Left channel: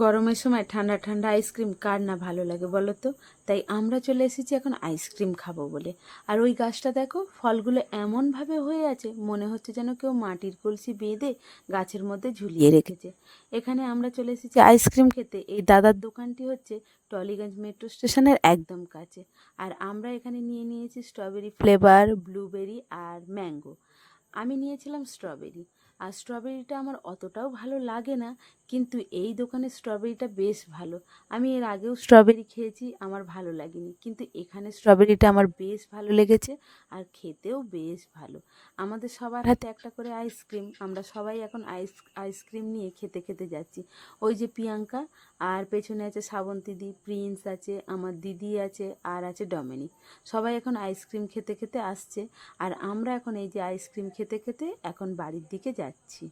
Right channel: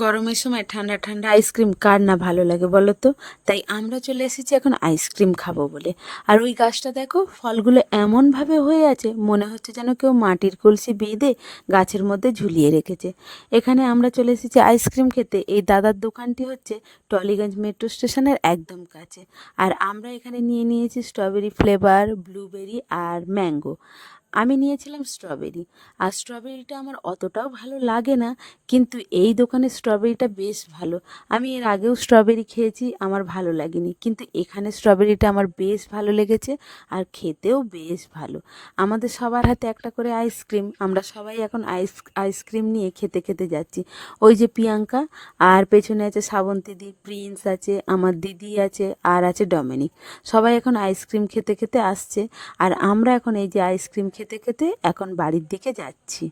গরমের সময় ঠান্ডা ঠান্ডা আইসক্রিম কার না ভালো লাগে বলো তো। তাই আমরা চলে এসেছি এখন আইসক্রিম খাবো বলে। আর ওই গাছটা দেখো, ফলগুলো এমনভাবে হয়ে আছে মনে হচ্ছে যেন কেউ মাটির কলসি বেঁধে গাছের মধ্যে ঝুলিয়ে রেখেছে। এখানে আমরা চলে এসেছি আইসক্রিম খেতে। এই দাদার দোকানটি হচ্ছে টলিগঞ্জ মেট্রো স্টেশনের একদম কাছে। আর আমরা এখানে নিয়ে নিয়েছি স্ট্রবেরি ফ্লেভার, ব্লুবেরি আর ম্যাঙ্গো। আমি নিয়েছিলাম স্ট্রবেরি। আর স্ট্রবেরিটা আমার অতটাও ভালো লাগে না, কিন্তু এই দোকানের স্ট্রবেরিটা বেশ ভালো। আমি এর আগেও স্ট্রবেরি খেয়েছি, আমার ভালো লাগেনি, কিন্তু এখানে স্ট্রবেরিটা আমার বেশ ভালো লেগেছে। আর খেতেও বেশ ভালো। আমাদের সবার হাতে একটা করে আইসক্রিম, আমরা সবাই এখন আইসক্রিম নিয়ে খেতে খেতে যাচ্ছি। ওই যে প্রিয়াঙ্কা, আর পেছনে আছে শ্রাবন্তীদি, প্রিন্স আছে, আমার দিদি আছে, আর আছে ডমিনিক। সবাই এখন আইসক্রিম খেতে খেতে আসছে। আর আমরা এখন এই যে আইসক্রিম খেতে খেতে এখন বাড়ির দিকে যাচ্ছি।